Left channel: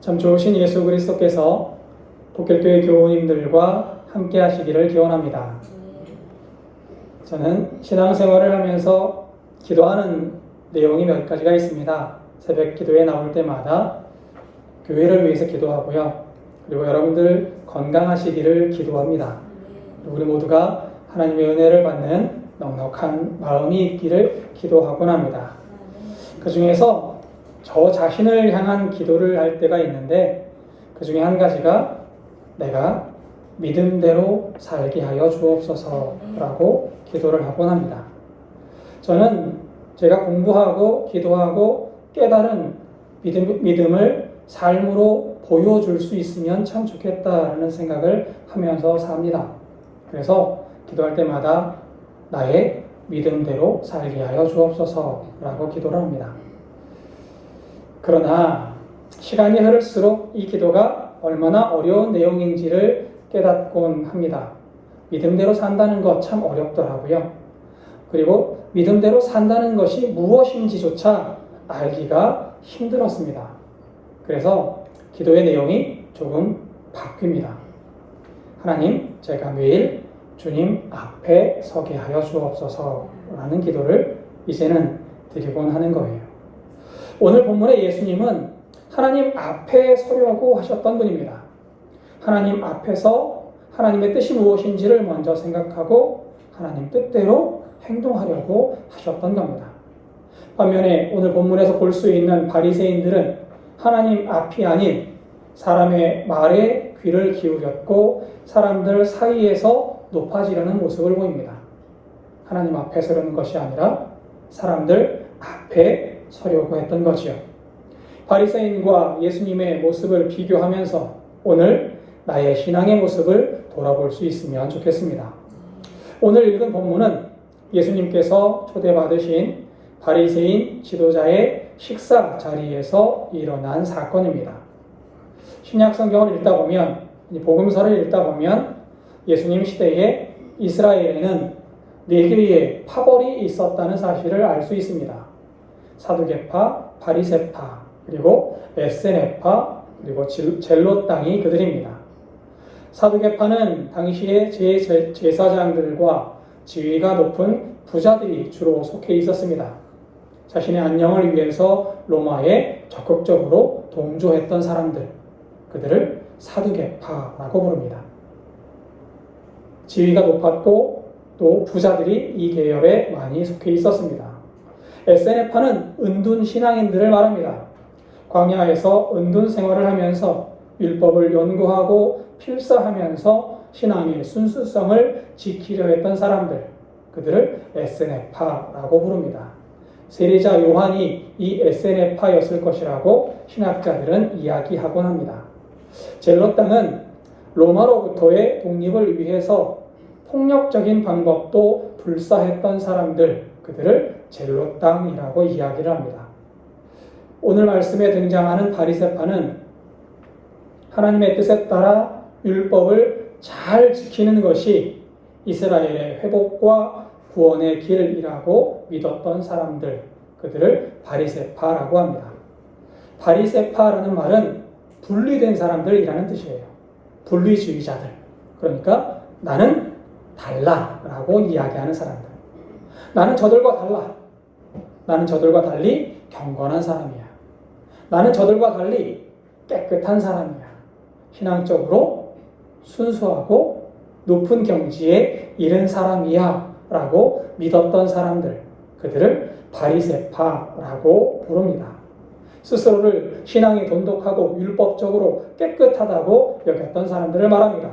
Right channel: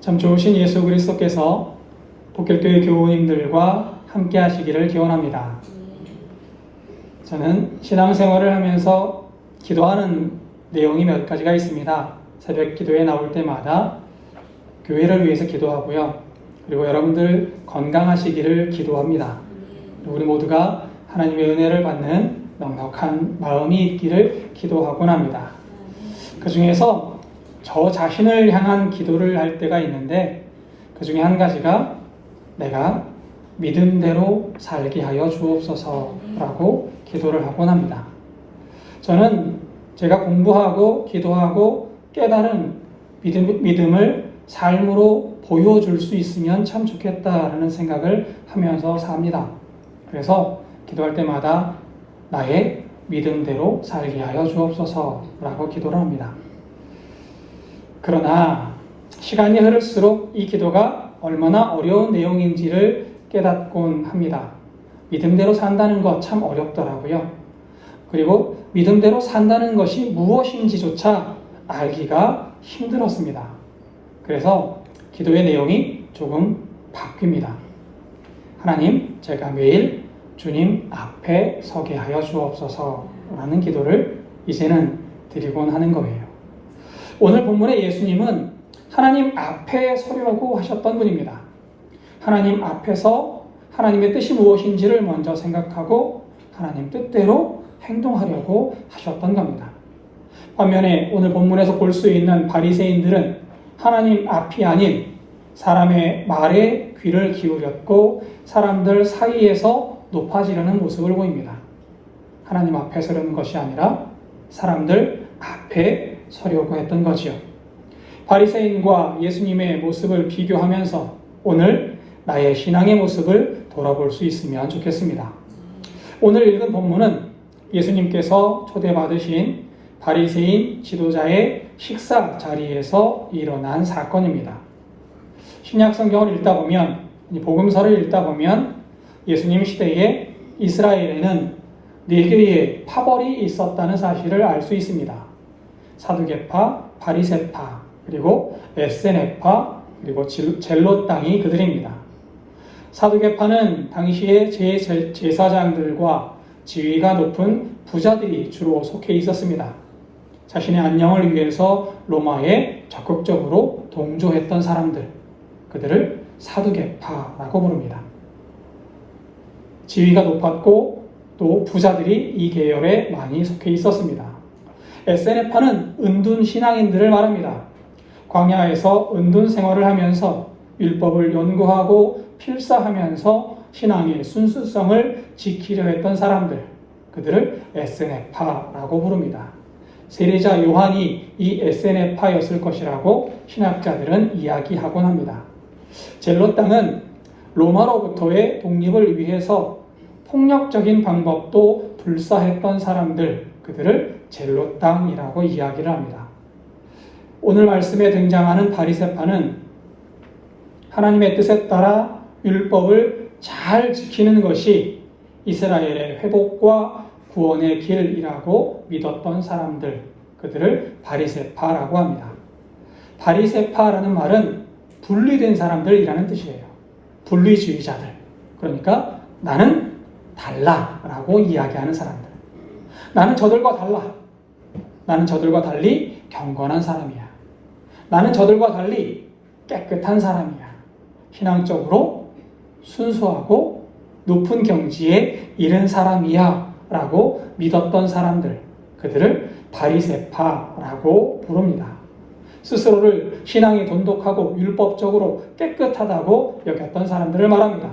참 좋으신 예수 그리스도께서 복결교회 교우님들과 함께 하시기를 기원합니다. 저는 신앙생활을 하면서 기도하는 내용이 몇 가지가 있습니다. 새벽 기도에 나올 때마다 교회를 위해서 기도하고요. 그리고 여러분들 건강하시기를 기도합니다. 우리 모두가 하나님의 은혜를 받는 넉넉한 마음이 있기를 기도하곤 합니다. 그 중에서 저 자신을 향한 기도를 할 때가 있는데 그 중에 한 가지가 내가 믿음대로 살게 하여 주옵소서라고 기도를 하곤 합니다. 저는 제가 공부하고 기도하고 깨달은 믿음을 삶으로 보여줄 수 있으면 참 좋겠다라는 생각을 하면서 삽니다. 그래서 기도할 때마다 나의 믿음대로 살게 하여 주옵소서라고 기도를 합니다. 그러나 시간이 흐를수록 이 기도가 얼마나 어려운 내용인지를 깨닫곤 합니다. 믿음대로 산다는 것 참 어렵더라고요. 그리고 믿음대로 산다는 것이 무엇인지조차 알기가 힘들었습니다. 그래서 기도의 내용이 조금 바뀝니다. 하나님, 제가 매일 주님 앞에 서게 하여 주옵소서라는 기도를 이제는 드리곤 하는 거예요. 오늘 본문의 예수님은 하나님 앞에 서려고 하셨던 분입니다. 하나님 앞에서 하나님의 뜻이 무엇인지를 먼저 생각하고 하나님 뜻대로 행동하려고 하셨던 겁니다. 반면에 오늘 본문에서 볼 수 있는 바리새인들은 하나님 앞이 아닌 사람의 말에 귀를 기울였고 사람들 사이에서 높아지려는 모습을 보입니다. 하나님 앞에 서려는 것이 아니라 사람들 앞에 서려고 했던 거지요. 바리새인과 예수님의 모습을 비교하면서 오늘 나의 신앙의 모습을 돌아볼 수 있으면 좋겠습니다. 오늘 읽은 본문은 예수님께서 초대받으신 바리새인 지도자의 식사 자리에서 일어난 사건입니다. 신약 성경을 읽다 보면, 복음서를 읽다 보면 예수님 시대에 이스라엘에는 4개의 파벌이 있었다는 사실을 알 수 있습니다. 사두개파, 바리새파, 그리고 에세네파, 그리고 젤롯당이 그들입니다. 사두개파는 당시의 제사장들과 지위가 높은 부자들이 주로 속해 있었습니다. 자신의 안녕을 위해서 로마에 적극적으로 동조했던 사람들, 그들을 사두개파라고 부릅니다. 지위가 높았고 또 부자들이 이 계열에 많이 속해 있었습니다. 에세네파는 은둔 신앙인들을 말합니다. 광야에서 은둔 생활을 하면서 율법을 연구하고 필사하면서 신앙의 순수성을 지키려 했던 사람들, 그들을 에세네파라고 부릅니다. 세례자 요한이 이 에세네파였을 것이라고 신학자들은 이야기하곤 합니다. 젤롯당은 로마로부터의 독립을 위해서 폭력적인 방법도 불사했던 사람들, 그들을 젤롯당이라고 이야기를 합니다. 오늘 말씀에 등장하는 바리새파는 하나님의 뜻에 따라 율법을 잘 지키는 것이 이스라엘의 회복과 구원의 길이라고 믿었던 사람들, 그들을 바리새파라고 합니다. 바리새파라는 말은 분리된 사람들이라는 뜻이에요. 분리주의자들. 그러니까 나는 달라라고 이야기하는 사람들. 나는 저들과 달라. 나는 저들과 달리 경건한 사람이야. 나는 저들과 달리 깨끗한 사람이야. 신앙적으로 순수하고 높은 경지에 이른 사람이야 라고 믿었던 사람들, 그들을 바리새파라고 부릅니다. 스스로를 신앙이 돈독하고 율법적으로 깨끗하다고 여겼던 사람들을 말합니다.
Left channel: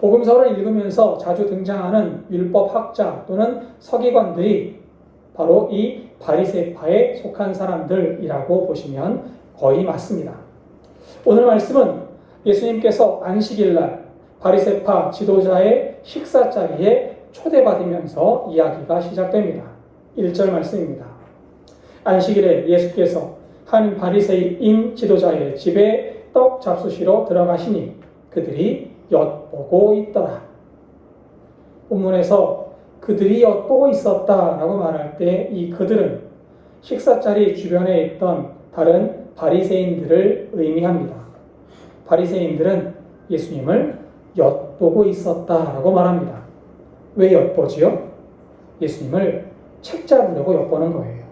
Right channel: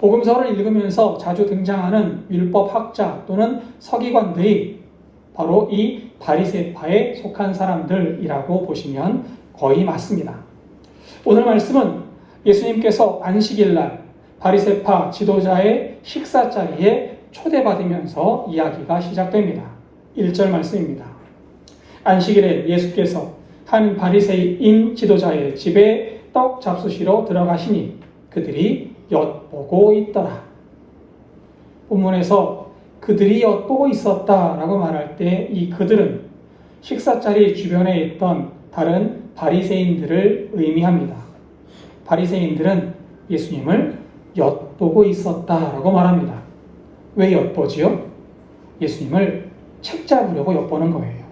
복음서를 읽으면서 자주 등장하는 율법학자 또는 서기관들이 바로 이 바리새파에 속한 사람들이라고 보시면 거의 맞습니다. 오늘 말씀은 예수님께서 안식일날 바리새파 지도자의 식사 자리에 초대받으면서 이야기가 시작됩니다. 1절 말씀입니다. 안식일에 예수께서 한 바리새인 지도자의 집에 떡 잡수시러 들어가시니 그들이 엿보고 있더라. 본문에서 그들이 엿보고 있었다라고 말할 때 이 그들은 식사자리 주변에 있던 다른 바리새인들을 의미합니다. 바리새인들은 예수님을 엿보고 있었다라고 말합니다. 왜 엿보지요? 예수님을 책잡으려고 엿보는 거예요.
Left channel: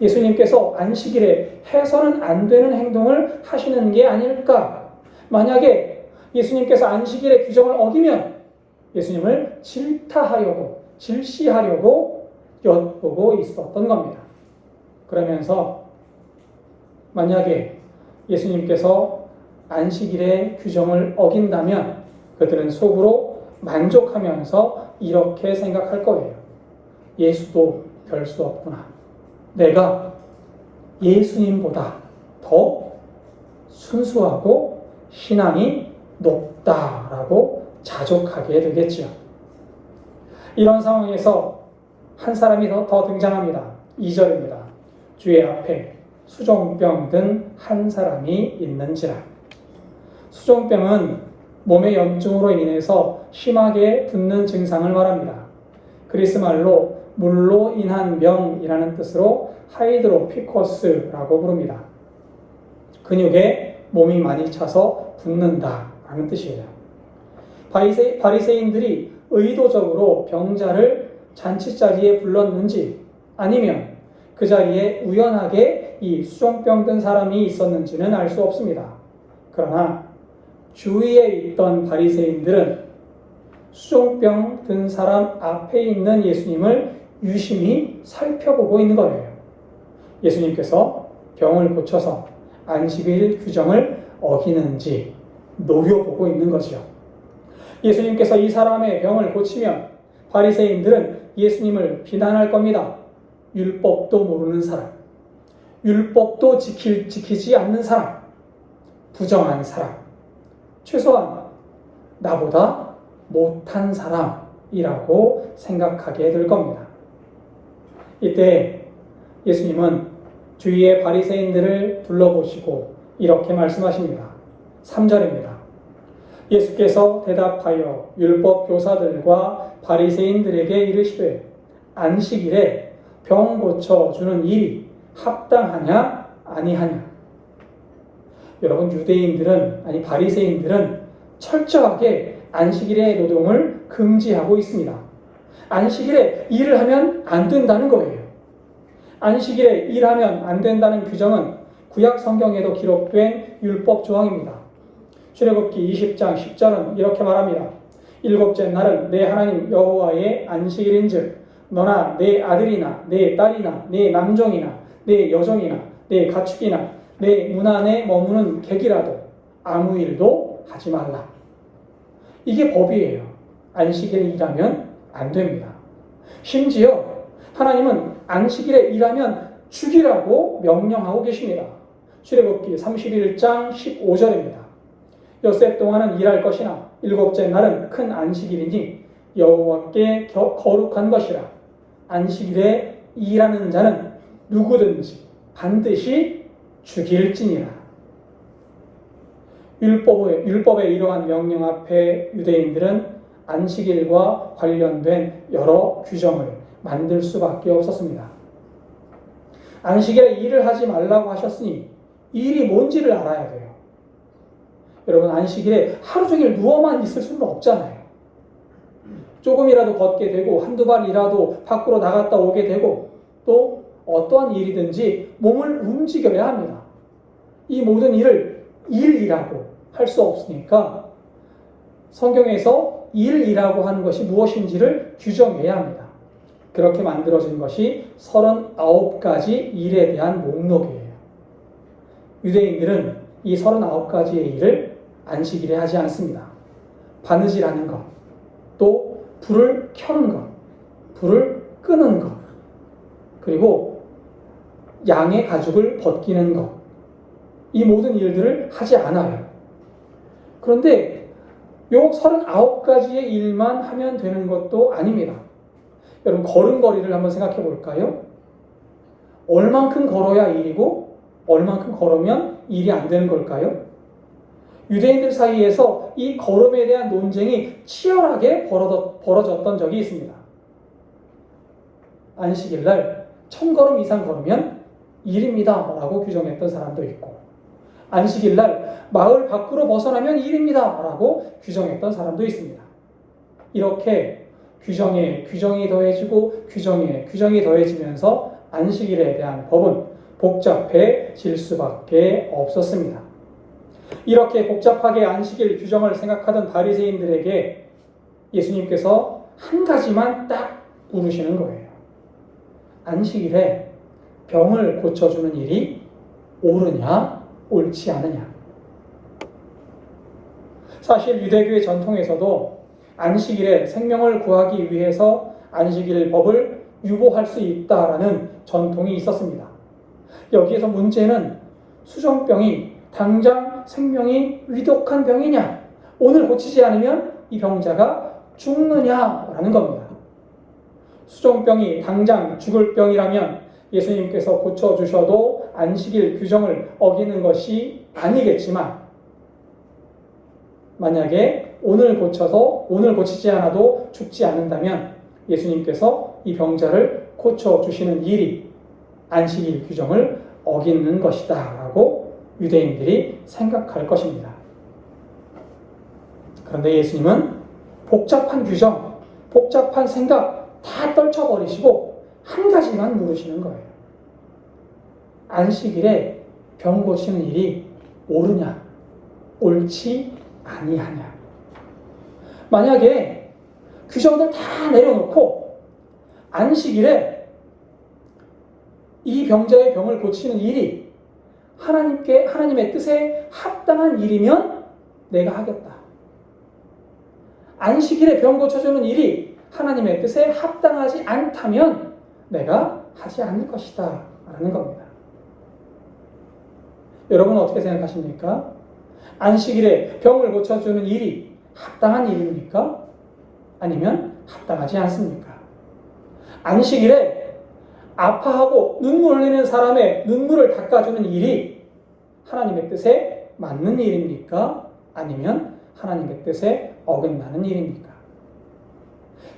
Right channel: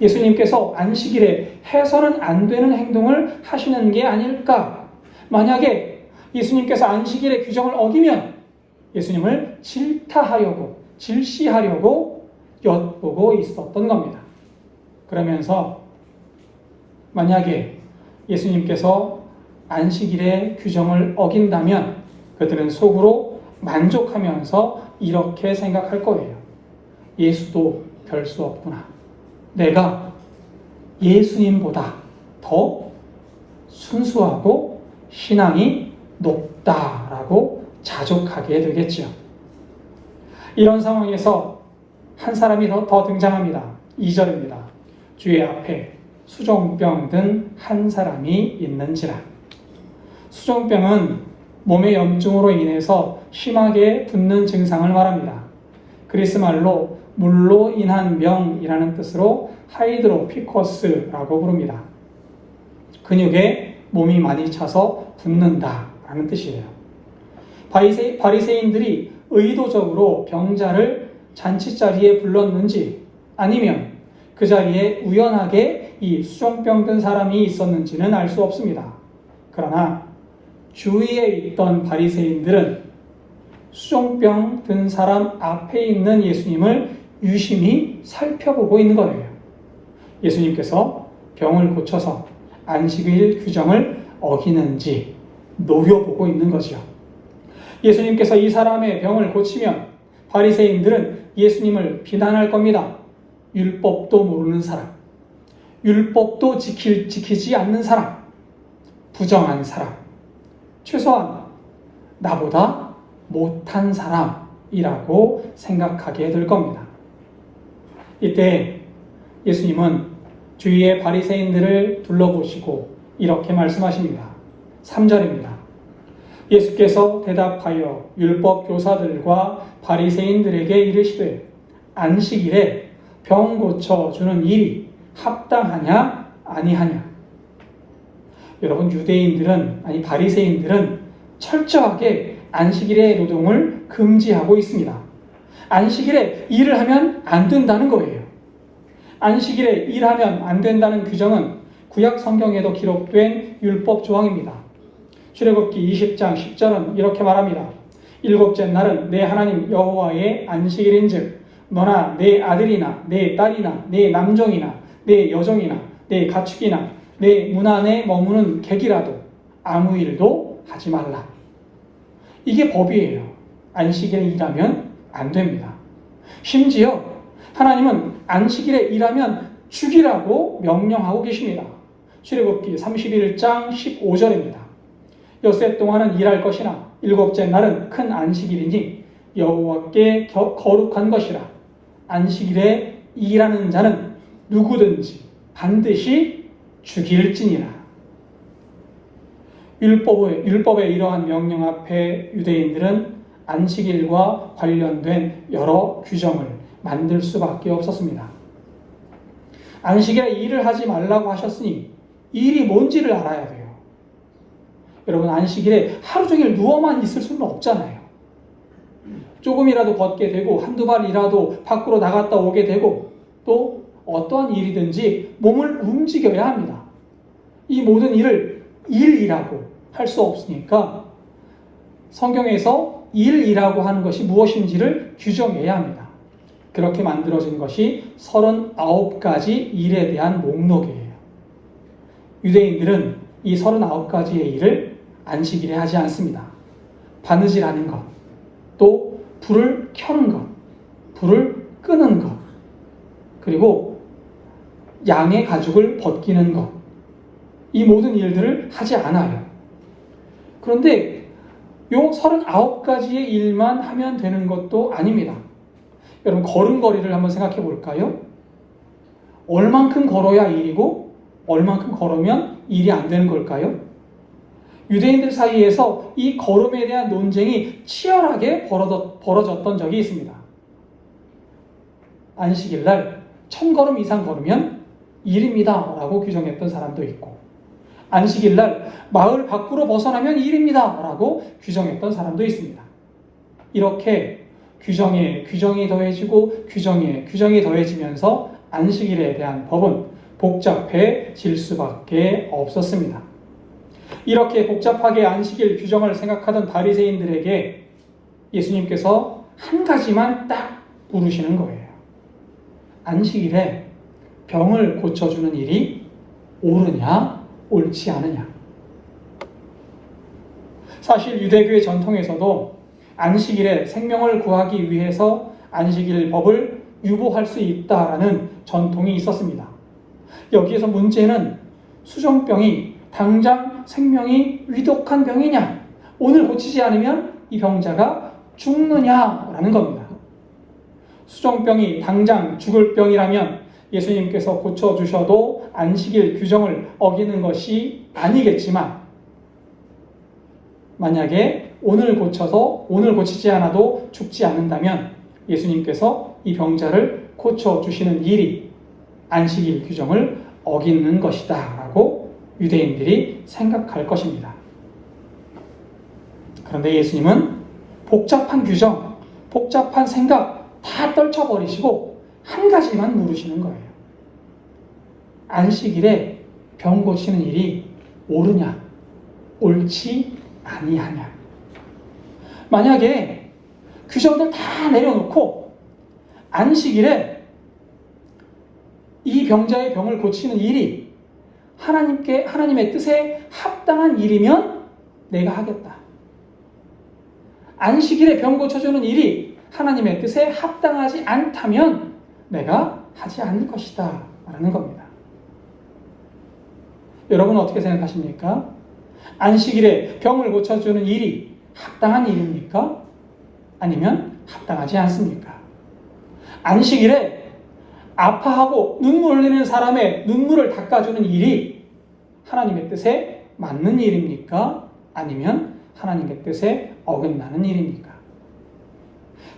예수님께서 안식일에 해서는 안 되는 행동을 하시는 게 아닐까? 만약에 예수님께서 안식일의 규정을 어기면 예수님을 질타하려고, 질시하려고 엿보고 있었던 겁니다. 그러면서 만약에 예수님께서 안식일의 규정을 어긴다면 그들은 속으로 만족하면서 이렇게 생각할 거예요. 예수도 별 수 없구나. 내가 예수님보다 더 순수하고 신앙이 높다라고 자족하게 되겠지요. 이런 상황에서 한 사람이 더 등장합니다. 2절입니다. 주의 앞에 수종병 든 한 사람이 있는지라. 수종병은 몸의 염증으로 인해서 심하게 붓는 증상을 말합니다. 그리스 말로 물로 인한 병이라는 뜻으로 하이드로피커스라고 부릅니다. 근육에 몸이 많이 차서 붓는다라는 뜻이에요. 바리새인들이 의도적으로 병자를 잔치자리에 불렀는지 아니면 그 자리에 우연하게 이 수종병 든 사람이 있었는지는 알 수 없습니다. 그러나 주위에 있던 바리새인들은 수종병 든 사람 앞에 있는 예수님을 유심히 살펴보고 있는 거예요. 예수님께서 병을 고쳐서 안식일 규정을 어기는지 노려보고 있는 거죠. 예수님께서 이 사람의 병을 고치면 바리새인들은 예수님을 비난할 겁니다. 율법도 모르는 사람, 율법도 지키지 않는 사람, 부정한 사람, 최소한 나보다 못한 사람이라고 생각하게 될 겁니다. 이때 예수님은 주위의 바리새인들을 둘러보시고 이렇게 말씀하십니다. 3절입니다. 예수께서 대답하여 율법 교사들과 바리새인들에게 이르시되 안식일에 병 고쳐주는 일이 합당하냐 아니하냐. 여러분, 바리새인들은 철저하게 안식일의 노동을 금지하고 있습니다. 안식일에 일을 하면 안 된다는 거예요. 안식일에 일하면 안 된다는 규정은 구약 성경에도 기록된 율법 조항입니다. 출애굽기 20장 10절은 이렇게 말합니다. 일곱째 날은 내 하나님 여호와의 안식일인즉 너나 내 아들이나 내 딸이나 내 남종이나 내 여종이나 내 가축이나 내 문 안에 머무는 객이라도 아무 일도 하지 말라. 이게 법이에요. 안식일에 일하면 안 됩니다. 심지어 하나님은 안식일에 일하면 죽이라고 명령하고 계십니다. 출애굽기 31장 15절입니다. 엿새 동안은 일할 것이나 일곱째 날은 큰 안식일이니 여호와께 거룩한 것이라. 안식일에 일하는 자는 누구든지 반드시 죽일지니라. 율법의 이러한 명령 앞에 유대인들은 안식일과 관련된 여러 규정을 만들 수밖에 없었습니다. 안식일에 일을 하지 말라고 하셨으니 일이 뭔지를 알아야 돼요. 여러분, 안식일에 하루 종일 누워만 있을 수는 없잖아요. 조금이라도 걷게 되고 한두 발이라도 밖으로 나갔다 오게 되고 또 어떠한 일이든지 몸을 움직여야 합니다. 이 모든 일을 일이라고 할 수 없으니까 성경에서 일이라고 하는 것이 무엇인지를 규정해야 합니다. 그렇게 만들어진 것이 39가지 일에 대한 목록이에요. 유대인들은 이 39가지의 일을 안식일에 하지 않습니다. 바느질하는 것, 또 불을 켜는 것, 불을 끄는 것, 그리고 양의 가죽을 벗기는 것, 이 모든 일들을 하지 않아요. 그런데 이 39가지의 일만 하면 되는 것도 아닙니다. 여러분, 걸음걸이를 한번 생각해 볼까요? 얼만큼 걸어야 일이고 얼만큼 걸으면 일이 안 되는 걸까요? 유대인들 사이에서 이 걸음에 대한 논쟁이 치열하게 벌어졌던 적이 있습니다. 안식일 날 1000걸음 이상 걸으면 일입니다 라고 규정했던 사람도 있고, 안식일날 마을 밖으로 벗어나면 일입니다 라고 규정했던 사람도 있습니다. 이렇게 규정에 규정이 더해지고 규정에 규정이 더해지면서 안식일에 대한 법은 복잡해질 수밖에 없었습니다. 이렇게 복잡하게 안식일 규정을 생각하던 바리새인들에게 예수님께서 한 가지만 딱 물으시는 거예요. 안식일에 병을 고쳐주는 일이 옳으냐, 옳지 않으냐. 사실 유대교의 전통에서도 안식일에 생명을 구하기 위해서 안식일 법을 유보할 수 있다라는 전통이 있었습니다. 여기에서 문제는 수정병이 당장 생명이 위독한 병이냐, 오늘 고치지 않으면 이 병자가 죽느냐라는 겁니다. 수정병이 당장 죽을 병이라면 예수님께서 고쳐주셔도 안식일 규정을 어기는 것이 아니겠지만, 만약에 오늘 고치지 않아도 죽지 않는다면 예수님께서 이 병자를 고쳐주시는 일이 안식일 규정을 어기는 것이다 라고 유대인들이 생각할 것입니다. 그런데 예수님은 복잡한 규정, 복잡한 생각 다 떨쳐버리시고 한 가지만 물으시는 거예요. 안식일에 병 고치는 일이 옳으냐, 옳지 아니하냐. 만약에 규정들 다 내려놓고 안식일에 이 병자의 병을 고치는 일이 하나님의 뜻에 합당한 일이면 내가 하겠다. 안식일에 병 고쳐주는 일이 하나님의 뜻에 합당하지 않다면 내가 하지 않을 것이다 라는 겁니다. 여러분은 어떻게 생각하십니까? 안식일에 병을 고쳐주는 일이 합당한 일입니까? 아니면 합당하지 않습니까? 안식일에 아파하고 눈물 흘리는 사람의 눈물을 닦아주는 일이 하나님의 뜻에 맞는 일입니까? 아니면 하나님의 뜻에 어긋나는 일입니까?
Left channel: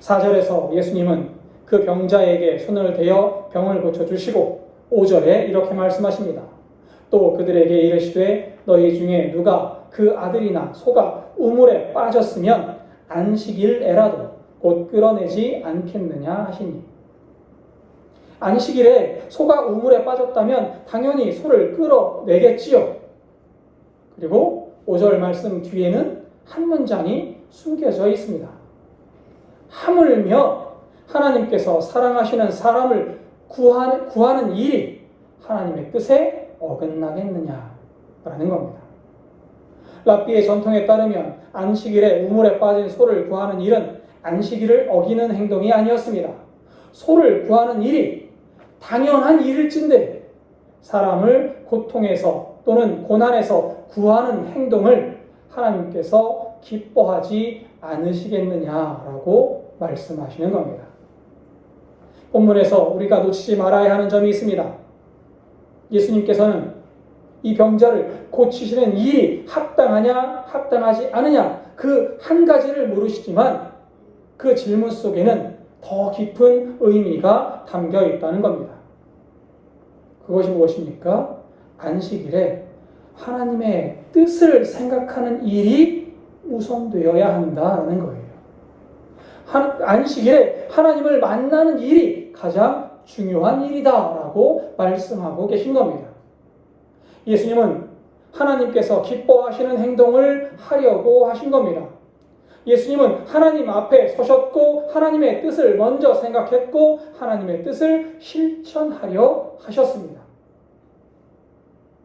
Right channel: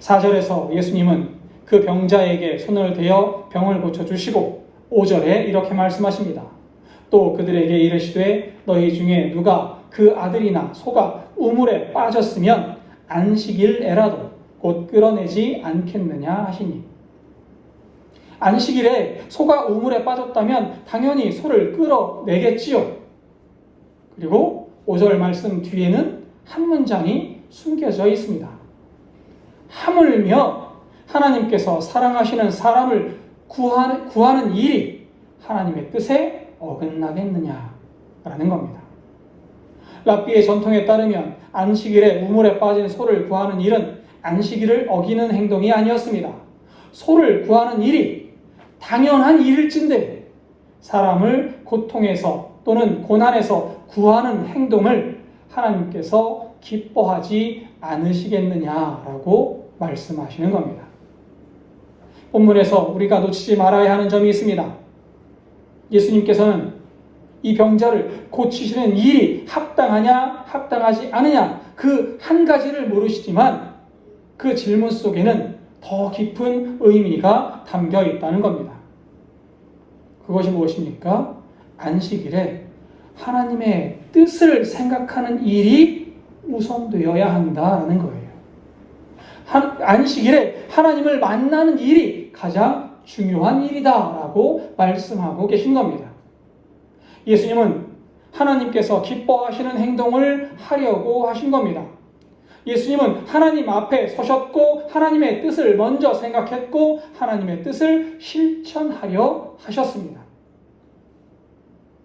4절에서 예수님은 그 병자에게 손을 대어 병을 고쳐주시고 5절에 이렇게 말씀하십니다. 또 그들에게 이르시되 너희 중에 누가 그 아들이나 소가 우물에 빠졌으면 안식일에라도 곧 끌어내지 않겠느냐 하시니, 안식일에 소가 우물에 빠졌다면 당연히 소를 끌어내겠지요. 그리고 5절 말씀 뒤에는 한 문장이 숨겨져 있습니다. 하물며 하나님께서 사랑하시는 사람을 구하는 일이 하나님의 뜻에 어긋나겠느냐라는 겁니다. 랍비의 전통에 따르면 안식일에 우물에 빠진 소를 구하는 일은 안식일을 어기는 행동이 아니었습니다. 소를 구하는 일이 당연한 일일진데 사람을 고통에서 또는 고난에서 구하는 행동을 하나님께서 기뻐하지 않으시겠느냐라고 말씀하시는 겁니다. 본문에서 우리가 놓치지 말아야 하는 점이 있습니다. 예수님께서는 이 병자를 고치시는 일이 합당하냐, 합당하지 않으냐, 그 한 가지를 물으시지만 그 질문 속에는 더 깊은 의미가 담겨 있다는 겁니다. 그것이 무엇입니까? 안식일에 하나님의 뜻을 생각하는 일이 우선되어야 한다는 거예요. 안식일에 하나님을 만나는 일이 가장 중요한 일이다라고 말씀하고 계신 겁니다. 예수님은 하나님께서 기뻐하시는 행동을 하려고 하신 겁니다. 예수님은 하나님 앞에 서셨고 하나님의 뜻을 먼저 생각했고 하나님의 뜻을 실천하려 하셨습니다.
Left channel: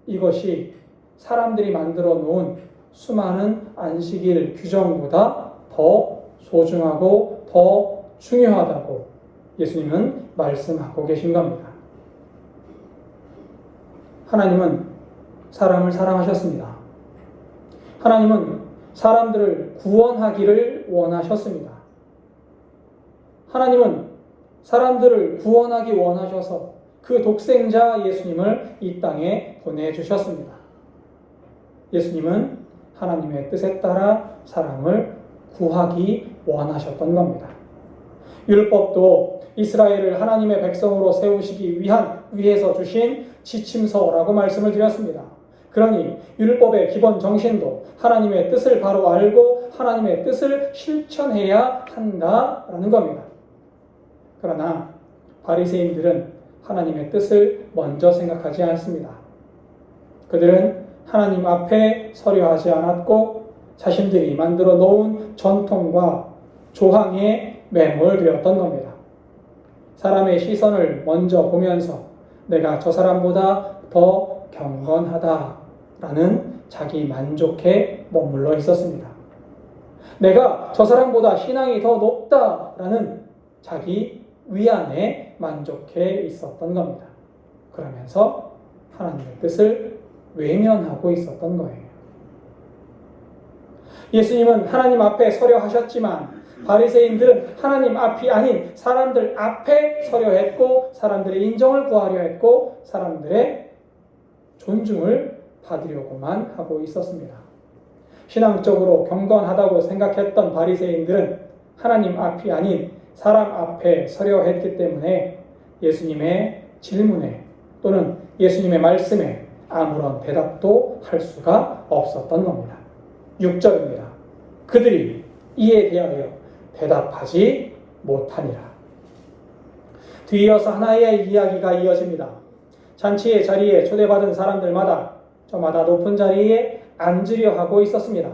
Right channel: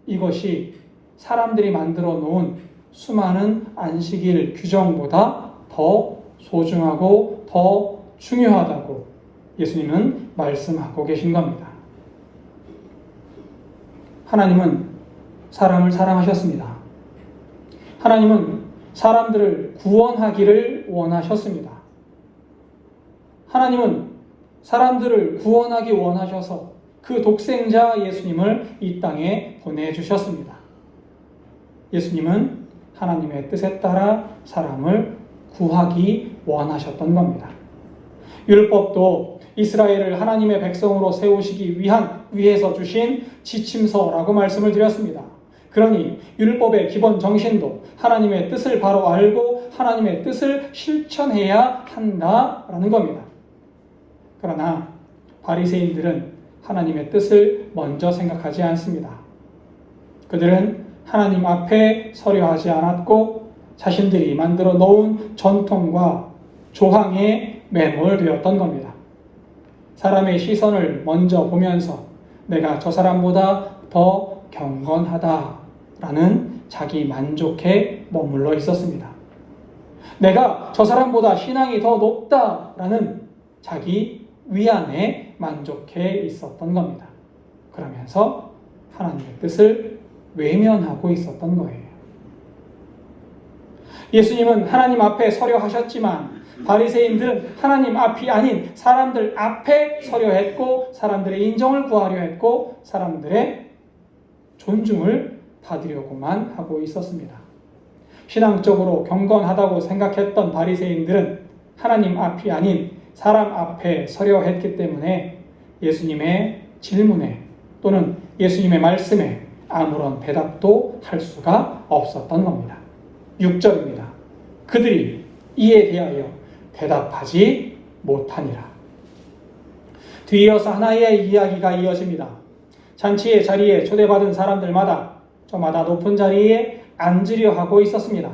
이것이 사람들이 만들어 놓은 수많은 안식일 규정보다 더 소중하고 더 중요하다고 예수님은 말씀하고 계신 겁니다. 하나님은 사람을 사랑하셨습니다. 하나님은 사람들을 구원하기를 원하셨습니다. 하나님은 사람들을 구원하기 원하셔서 그 독생자 예수님을 이 땅에 보내주셨습니다. 예수님은 하나님의 뜻에 따라 사람을 구하기 원하셨던 겁니다. 율법도 이스라엘을 하나님의 백성으로 세우시기 위해서 주신 지침서라고 말씀을 드렸습니다. 그러니 율법의 기본 정신도 하나님의 뜻을 바로 알고 하나님의 뜻을 실천해야 한다라는 겁니다. 그러나 바리새인들은 하나님의 뜻을 먼저 생각하지 않습니다. 그들은 하나님 앞에 서려하지 않았고 자신들이 만들어 놓은 전통과 조항에 매몰되었던 겁니다. 사람의 시선을 먼저 보면서 내가 저 사람보다 더 경건하다라는 자기 만족에 머물러 있었습니다. 내가 저 사람보다 신앙이 더 높다라는 자기 위안에 만족해 있었던 겁니다. 그러면서 하나님의 뜻을 외면하고 있었던 거예요. 예수님은 하나님 앞에 서려 하셨지만 바리새인들은 하나님 앞이 아닌 사람들 앞에 서려 했고 사람들의 인정을 구하려 했고 사람들의 존중을 받으려고만 하고 있었습니다. 신앙적으로 경건하다고 생각했던 바리새인들은 하나님 앞이 아닌 사람 앞에 서려 했기 때문에 예수님의 질문에 또는 예수님의 말씀에 아무런 대답도 할 수가 없었던 겁니다. 6절입니다. 그들이 이에 대하여 대답하지 못하니라. 뒤이어서 하나의 이야기가 이어집니다. 잔치의 자리에 초대받은 사람들마다 저마다 높은 자리에 앉으려 하고 있었습니다.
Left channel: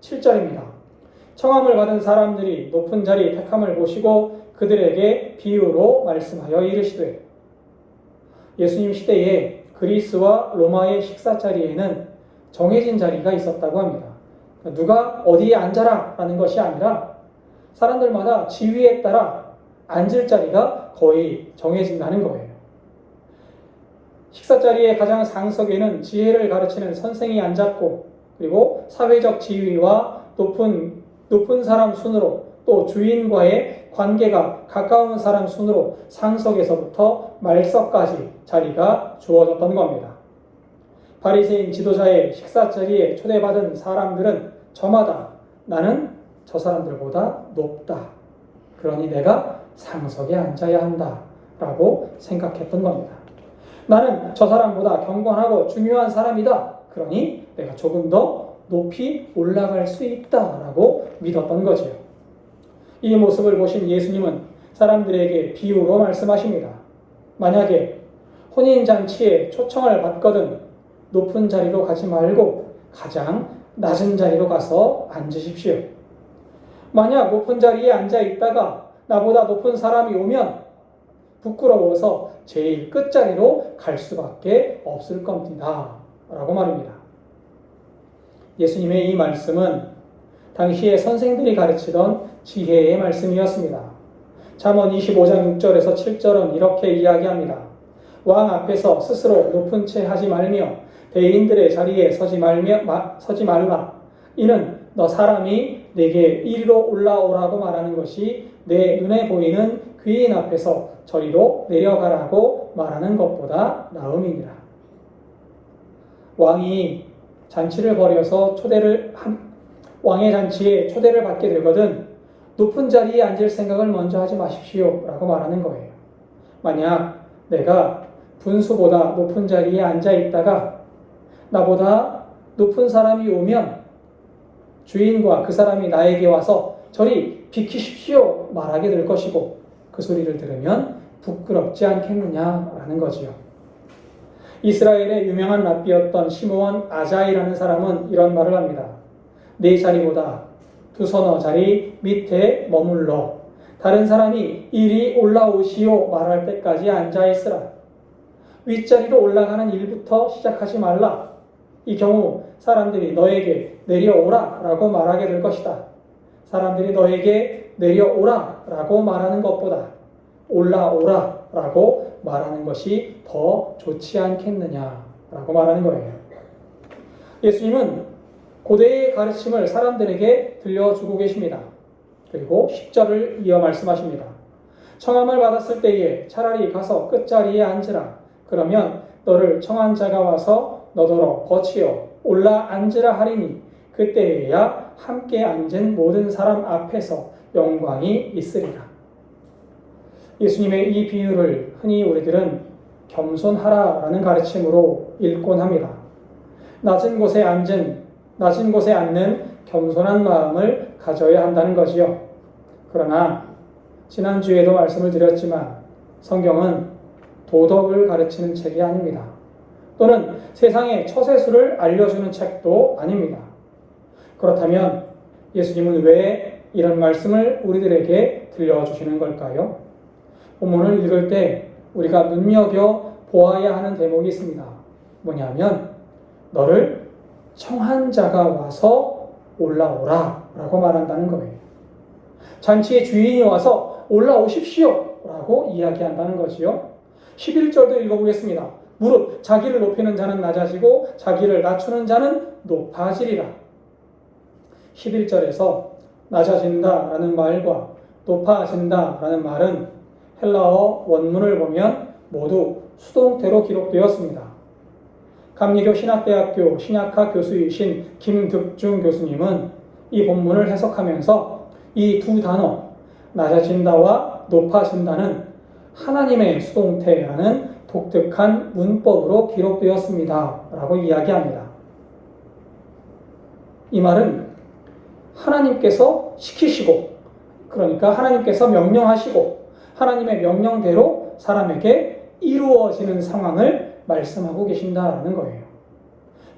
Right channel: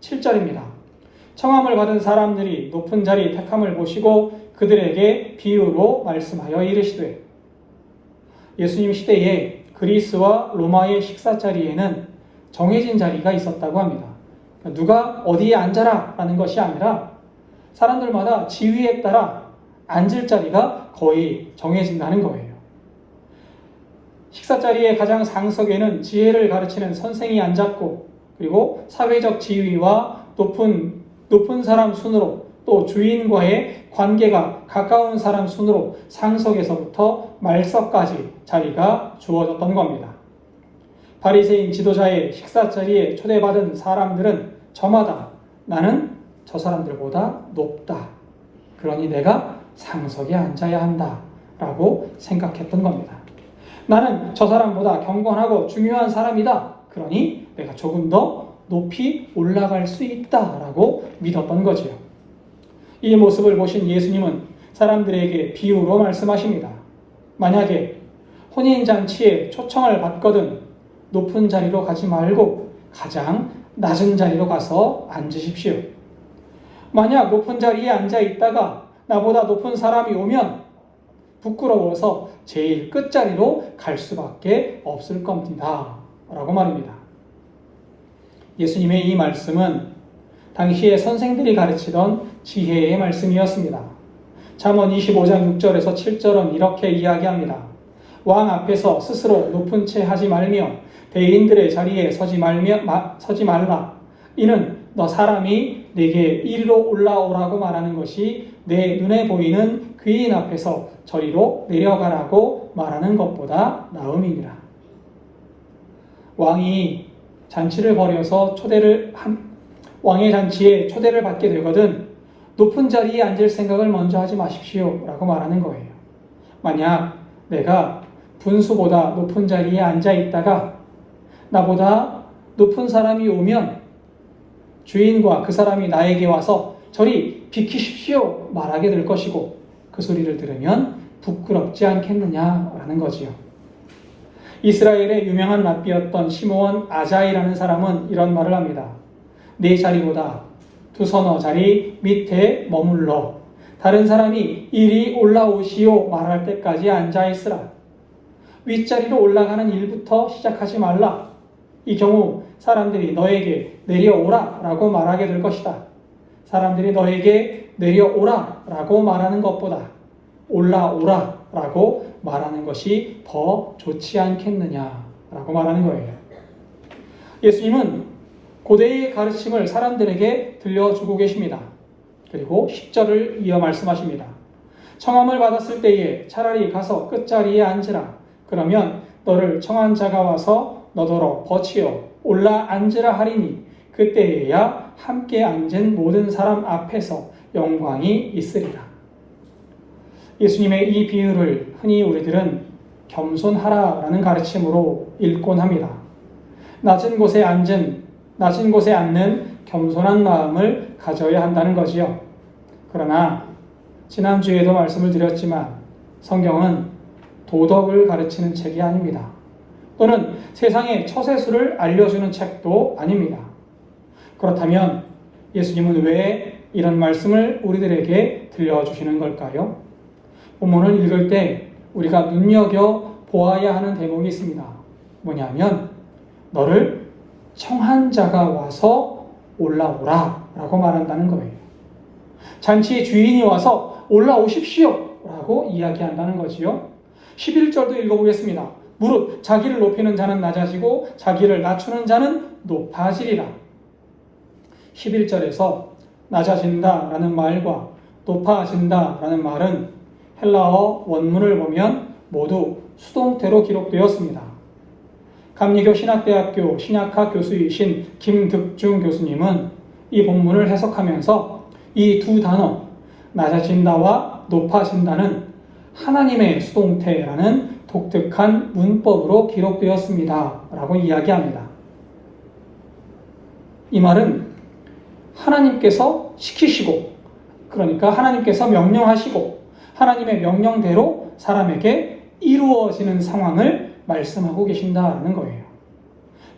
7절입니다. 청함을 받은 사람들이 높은 자리 택함을 보시고 그들에게 비유로 말씀하여 이르시되 예수님 시대에 그리스와 로마의 식사 자리에는 정해진 자리가 있었다고 합니다. 누가 어디에 앉아라 라는 것이 아니라 사람들마다 지위에 따라 앉을 자리가 거의 정해진다는 거예요. 식사 자리의 가장 상석에는 지혜를 가르치는 선생이 앉았고 그리고 사회적 지위와 높은 사람 순으로 또 주인과의 관계가 가까운 사람 순으로 상석에서부터 말석까지 자리가 주어졌던 겁니다. 바리새인 지도자의 식사 자리에 초대받은 사람들은 저마다 나는 저 사람들보다 높다. 그러니 내가 상석에 앉아야 한다. 라고 생각했던 겁니다. 나는 저 사람보다 경건하고 중요한 사람이다. 그러니 내가 조금 더 높이 올라갈 수 있다라고 믿었던 거지요. 이 모습을 보신 예수님은 사람들에게 비유로 말씀하십니다. 만약에 혼인잔치에 초청을 받거든 높은 자리로 가지 말고 가장 낮은 자리로 가서 앉으십시오. 만약 높은 자리에 앉아 있다가 나보다 높은 사람이 오면 부끄러워서 제일 끝자리로 갈 수밖에 없을 겁니다. 라고 말입니다. 예수님의 이 말씀은 당시에 선생들이 가르치던 지혜의 말씀이었습니다. 잠언 25장 6절에서 7절은 이렇게 이야기합니다. 왕 앞에서 스스로 높은 채 하지 말며 대인들의 자리에 서지 말라. 이는 너 사람이 내게 이리로 올라오라고 말하는 것이 내 눈에 보이는 귀인 앞에서 저리로 내려가라고 말하는 것보다 나음이니라. 왕이 잔치를 벌여서 왕의 잔치에 초대를 받게 되거든 높은 자리에 앉을 생각을 먼저 하지 마십시오 라고 말하는 거예요. 만약 내가 분수보다 높은 자리에 앉아 있다가 나보다 높은 사람이 오면 주인과 그 사람이 나에게 와서 저리 비키십시오 말하게 될 것이고 그 소리를 들으면 부끄럽지 않겠느냐라는 거지요. 이스라엘의 유명한 랍비였던 시므온 아자이라는 사람은 이런 말을 합니다. 내 자리보다 두서너 자리 밑에 머물러 다른 사람이 이리 올라오시오 말할 때까지 앉아있으라. 윗자리로 올라가는 일부터 시작하지 말라. 이 경우 사람들이 너에게 내려오라 라고 말하게 될 것이다. 사람들이 너에게 내려오라 라고 말하는 것보다 올라오라 라고 말하는 것이 더 좋지 않겠느냐 라고 말하는 거예요. 예수님은 고대의 가르침을 사람들에게 들려주고 계십니다. 그리고 10절을 이어 말씀하십니다. 청함을 받았을 때에 차라리 가서 끝자리에 앉으라. 그러면 너를 청한 자가 와서 너더러 거치어 올라 앉으라 하리니 그때에야 함께 앉은 모든 사람 앞에서 영광이 있으리라. 예수님의 이 비유를 흔히 우리들은 겸손하라라는 가르침으로 읽곤 합니다. 낮은 곳에 앉는 겸손한 마음을 가져야 한다는 거지요. 그러나 지난주에도 말씀을 드렸지만 성경은 도덕을 가르치는 책이 아닙니다. 또는 세상의 처세술을 알려주는 책도 아닙니다. 그렇다면 예수님은 왜 이런 말씀을 우리들에게 들려주시는 걸까요? 본문을 읽을 때 우리가 눈여겨보아야 하는 대목이 있습니다. 뭐냐면 너를 청한 자가 와서 올라오라 라고 말한다는 거예요. 잔치의 주인이 와서 올라오십시오 라고 이야기한다는 거지요. 11절도 읽어보겠습니다. 무릇 자기를 높이는 자는 낮아지고 자기를 낮추는 자는 높아지리라. 11절에서 낮아진다라는 말과 높아진다라는 말은 헬라어 원문을 보면 모두 수동태로 기록되었습니다. 감리교 신학대학교 신약학 교수이신 김득중 교수님은 이 본문을 해석하면서 이 두 단어 낮아진다와 높아진다는 하나님의 수동태라는 독특한 문법으로 기록되었습니다 라고 이야기합니다. 이 말은 하나님께서 시키시고, 그러니까 하나님께서 명령하시고 하나님의 명령대로 사람에게 이루어지는 상황을 말씀하고 계신다라는 거예요.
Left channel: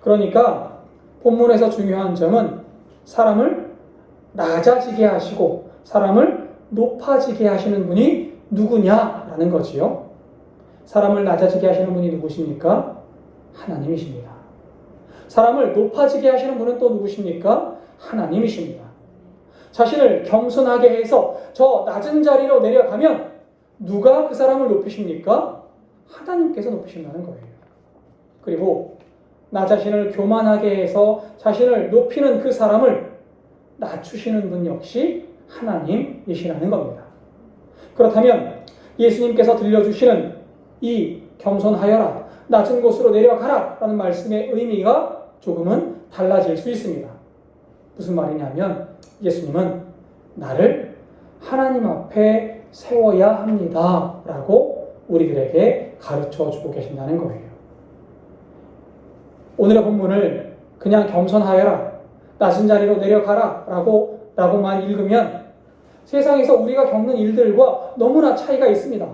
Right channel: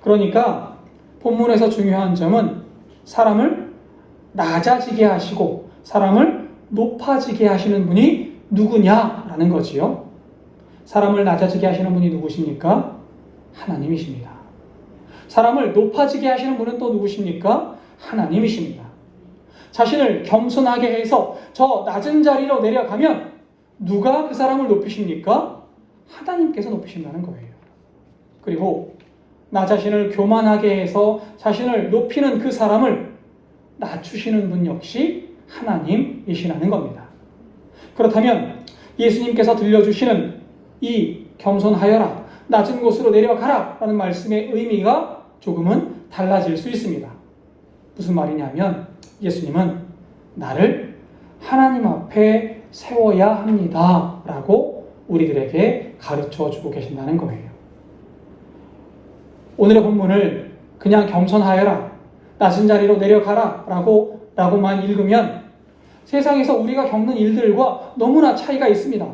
그러니까 본문에서 중요한 점은 사람을 낮아지게 하시고 사람을 높아지게 하시는 분이 누구냐라는 거지요. 사람을 낮아지게 하시는 분이 누구십니까? 하나님이십니다. 사람을 높아지게 하시는 분은 또 누구십니까? 하나님이십니다. 자신을 겸손하게 해서 저 낮은 자리로 내려가면 누가 그 사람을 높이십니까? 하나님께서 높이신다는 거예요. 그리고 나 자신을 교만하게 해서 자신을 높이는 그 사람을 낮추시는 분 역시 하나님이시라는 겁니다. 그렇다면 예수님께서 들려주시는 이 겸손하여라, 낮은 곳으로 내려가라 라는 말씀의 의미가 조금은 달라질 수 있습니다. 무슨 말이냐면 예수님은 나를 하나님 앞에 세워야 합니다 라고 우리들에게 가르쳐주고 계신다는 거예요. 오늘의 본문을 그냥 겸손하여라, 낮은 자리로 내려가라 라고만 읽으면 세상에서 우리가 겪는 일들과 너무나 차이가 있습니다.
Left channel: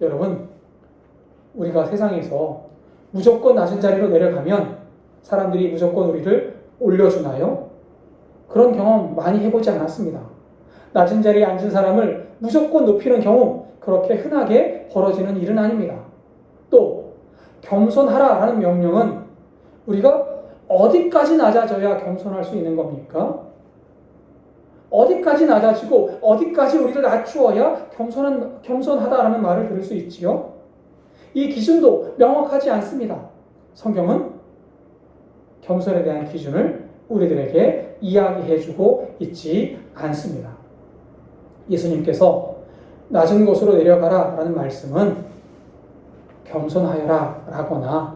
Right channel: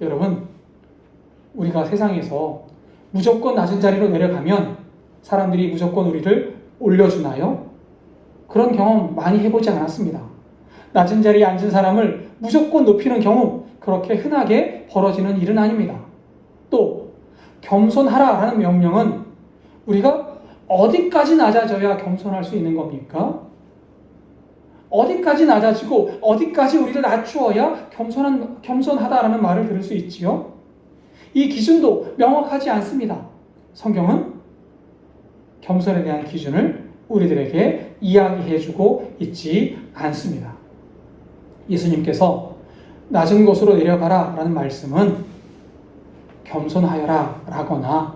여러분, 우리가 세상에서 무조건 낮은 자리로 내려가면 사람들이 무조건 우리를 올려주나요? 그런 경험 많이 해보지 않았습니다. 낮은 자리에 앉은 사람을 무조건 높이는 경우 그렇게 흔하게 벌어지는 일은 아닙니다. 또 겸손하라라는 명령은 우리가 어디까지 낮아져야 겸손할 수 있는 겁니까? 어디까지 낮아지고 어디까지 우리를 낮추어야 겸손하다라는 말을 들을 수 있지요? 이 기준도 명확하지 않습니다. 성경은 겸손에 대한 기준을 우리들에게 이야기해주고 있지 않습니다. 예수님께서 낮은 곳으로 내려가라 라는 말씀은 겸손하여라 라거나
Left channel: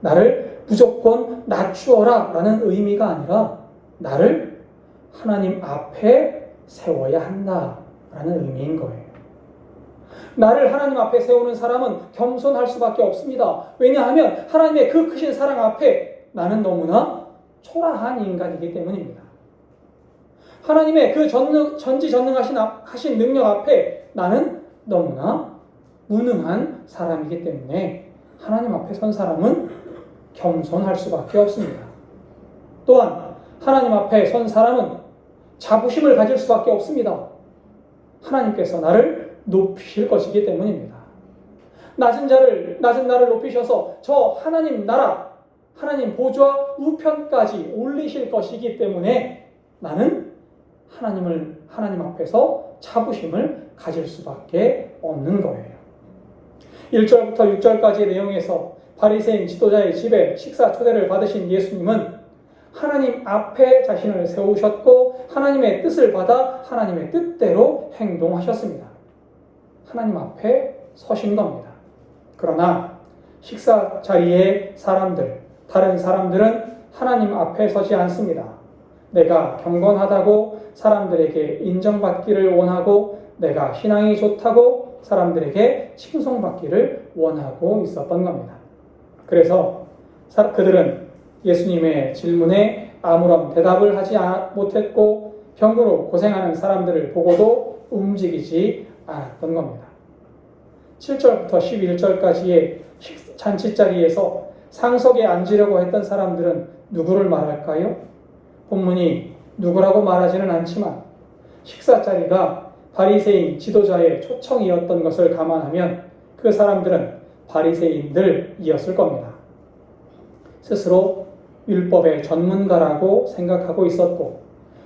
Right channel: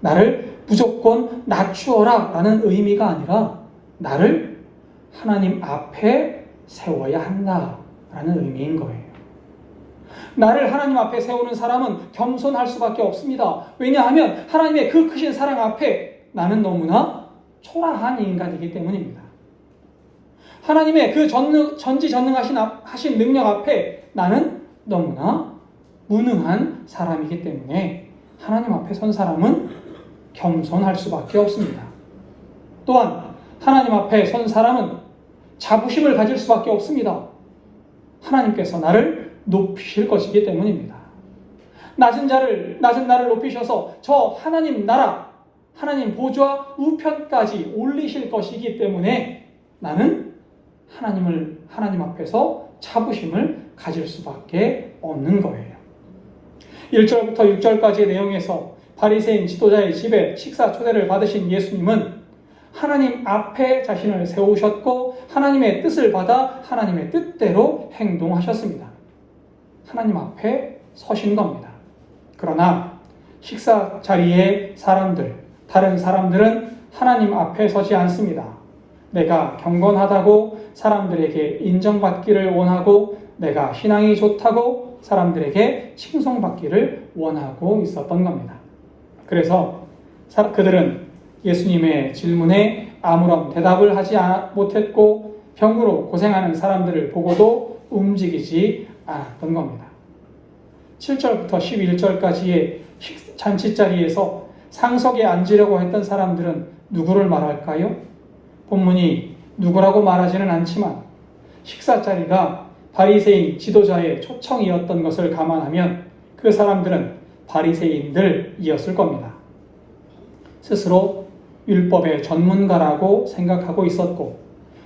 나를 무조건 낮추어라 라는 의미가 아니라 나를 하나님 앞에 세워야 한다 라는 의미인 거예요. 나를 하나님 앞에 세우는 사람은 겸손할 수밖에 없습니다. 왜냐하면 하나님의 그 크신 사랑 앞에 나는 너무나 초라한 인간이기 때문입니다. 하나님의 그 전지전능하신 능력 앞에 나는 너무나 무능한 사람이기 때문에 하나님 앞에 선 사람은 겸손할 수밖에 없습니다. 또한 하나님 앞에 선 사람은 자부심을 가질 수밖에 없습니다. 하나님께서 나를 높이실 것이기 때문입니다. 낮은 나를 높이셔서 저 하나님 나라, 하나님 보좌 우편까지 올리실 것이기 때문에 나는 하나님 앞에서 자부심을 가질 수밖에 없는 거예요. 1절부터 6절까지의 내용에서 바리새인 지도자의 집에 식사 초대를 받으신 예수님은 하나님 앞에 자신을 세우셨고 하나님의 뜻을 받아 하나님의 뜻대로 행동하셨습니다. 하나님 앞에 서신 겁니다. 그러나 식사 자리의 다른 사람들은 하나님 앞에 서지 않습니다. 내가 경건하다고 사람들에게 인정받기를 원하고 내가 신앙이 좋다고 사람들에게 칭송받기를 원하고 있었던 겁니다. 그래서 그들은 예수님의 질문에 아무런 대답을 하지 못했고 병으로 고생하는 사람들을 보고도 움직이지 않았던 겁니다. 7절부터 11절까지의 잔치자리에서 상석에 앉으려고 했던 사람들은 누구를 말할까요? 본문이 누구라고 말하지는 않지만 식사자리가 바리새인 지도자의 초청이었던 것을 감안하면 그 사람들은 바리새인들이었을 겁니다. 스스로 율법의 전문가라고 생각하고 있었고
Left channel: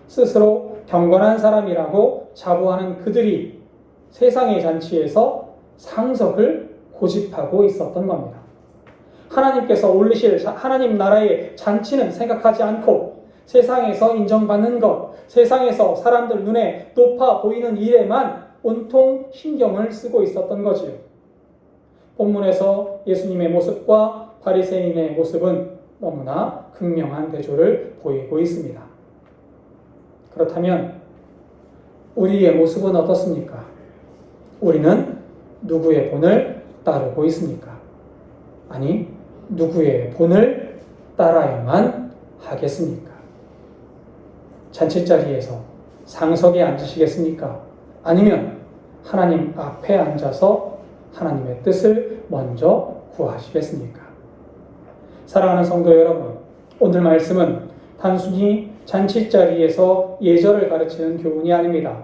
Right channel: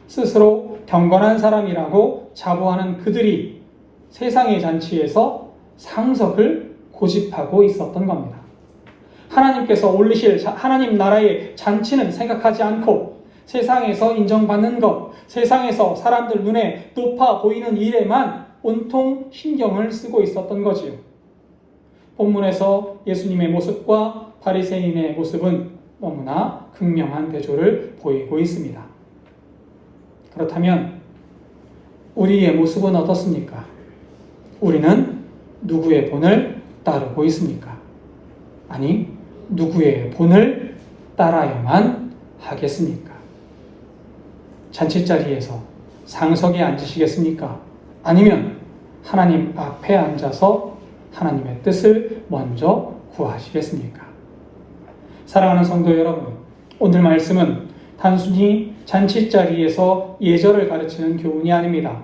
스스로 경건한 사람이라고 자부하는 그들이 세상의 잔치에서 상석을 고집하고 있었던 겁니다. 하나님께서 올리실 하나님 나라의 잔치는 생각하지 않고 세상에서 인정받는 것, 세상에서 사람들 눈에 높아 보이는 일에만 온통 신경을 쓰고 있었던 거지요. 본문에서 예수님의 모습과 바리새인의 모습은 너무나 극명한 대조를 보이고 있습니다. 그렇다면 우리의 모습은 어떻습니까? 우리는 누구의 본을 따르고 있습니까? 아니, 누구의 본을 따라야만 하겠습니까? 잔치자리에서 상석에 앉으시겠습니까? 아니면 하나님 앞에 앉아서 하나님의 뜻을 먼저 구하시겠습니까? 사랑하는 성도 여러분, 오늘 말씀은 단순히 잔치자리에서 예절을 가르치는 교훈이 아닙니다.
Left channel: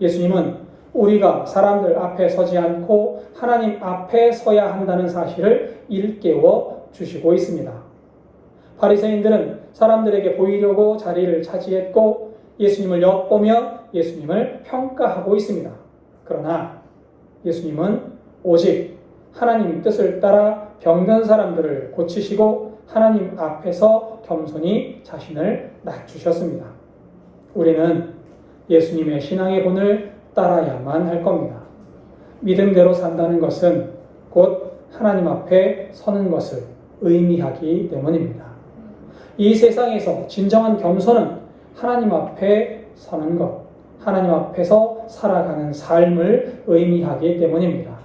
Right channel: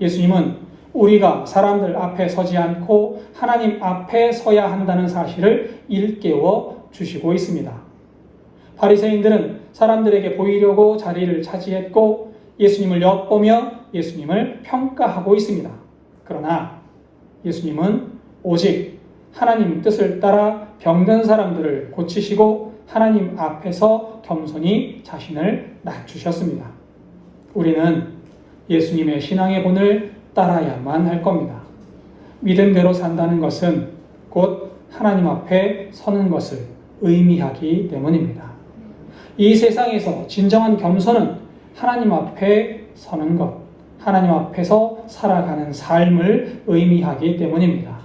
예수님은 우리가 사람들 앞에 서지 않고 하나님 앞에 서야 한다는 사실을 일깨워 주시고 있습니다. 바리새인들은 사람들에게 보이려고 자리를 차지했고 예수님을 엿보며 예수님을 평가하고 있습니다. 그러나 예수님은 오직 하나님 뜻을 따라 병든 사람들을 고치시고 하나님 앞에서 겸손히 자신을 낮추셨습니다. 우리는 예수님의 신앙의 본을 따라야만 할 겁니다. 믿음대로 산다는 것은 곧 하나님 앞에 서는 것을 의미하기 때문입니다. 이 세상에서 진정한 겸손은 하나님 앞에 서는 것, 하나님 앞에서 살아가는 삶을 의미하기 때문입니다.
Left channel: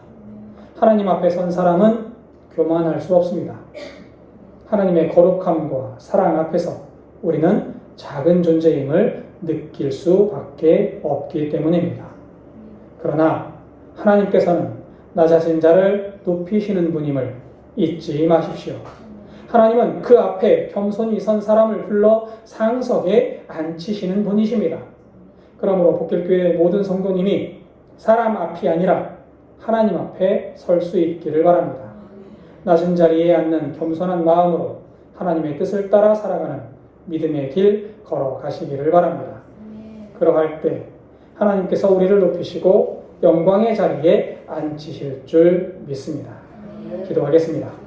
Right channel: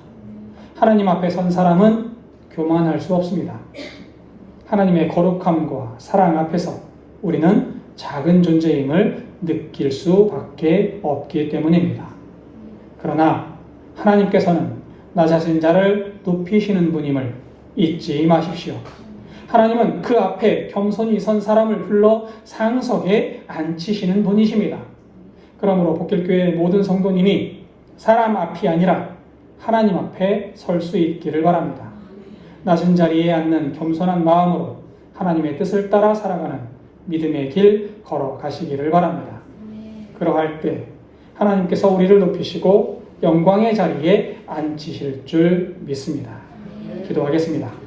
하나님 앞에 선 사람은 교만할 수 없습니다. 하나님의 거룩함과 사랑 앞에서 우리는 작은 존재임을 느낄 수밖에 없기 때문입니다. 그러나 하나님께서는 낮아진 자를 높이시는 분임을 잊지 마십시오. 하나님은 그 앞에 겸손히 선 사람을 불러 상석에 앉히시는 분이십니다. 그러므로 복길교회의 모든 성도님이 사람 앞이 아니라 하나님 앞에 설 수 있기를 바랍니다. 낮은 자리에 앉는 겸손한 마음으로 하나님의 뜻을 따라 살아가는 믿음의 길 걸어가시기를 바랍니다. 그러할 때 하나님께서 우리를 높이시고 영광의 자리에 앉히실 줄 믿습니다. 기도하겠습니다.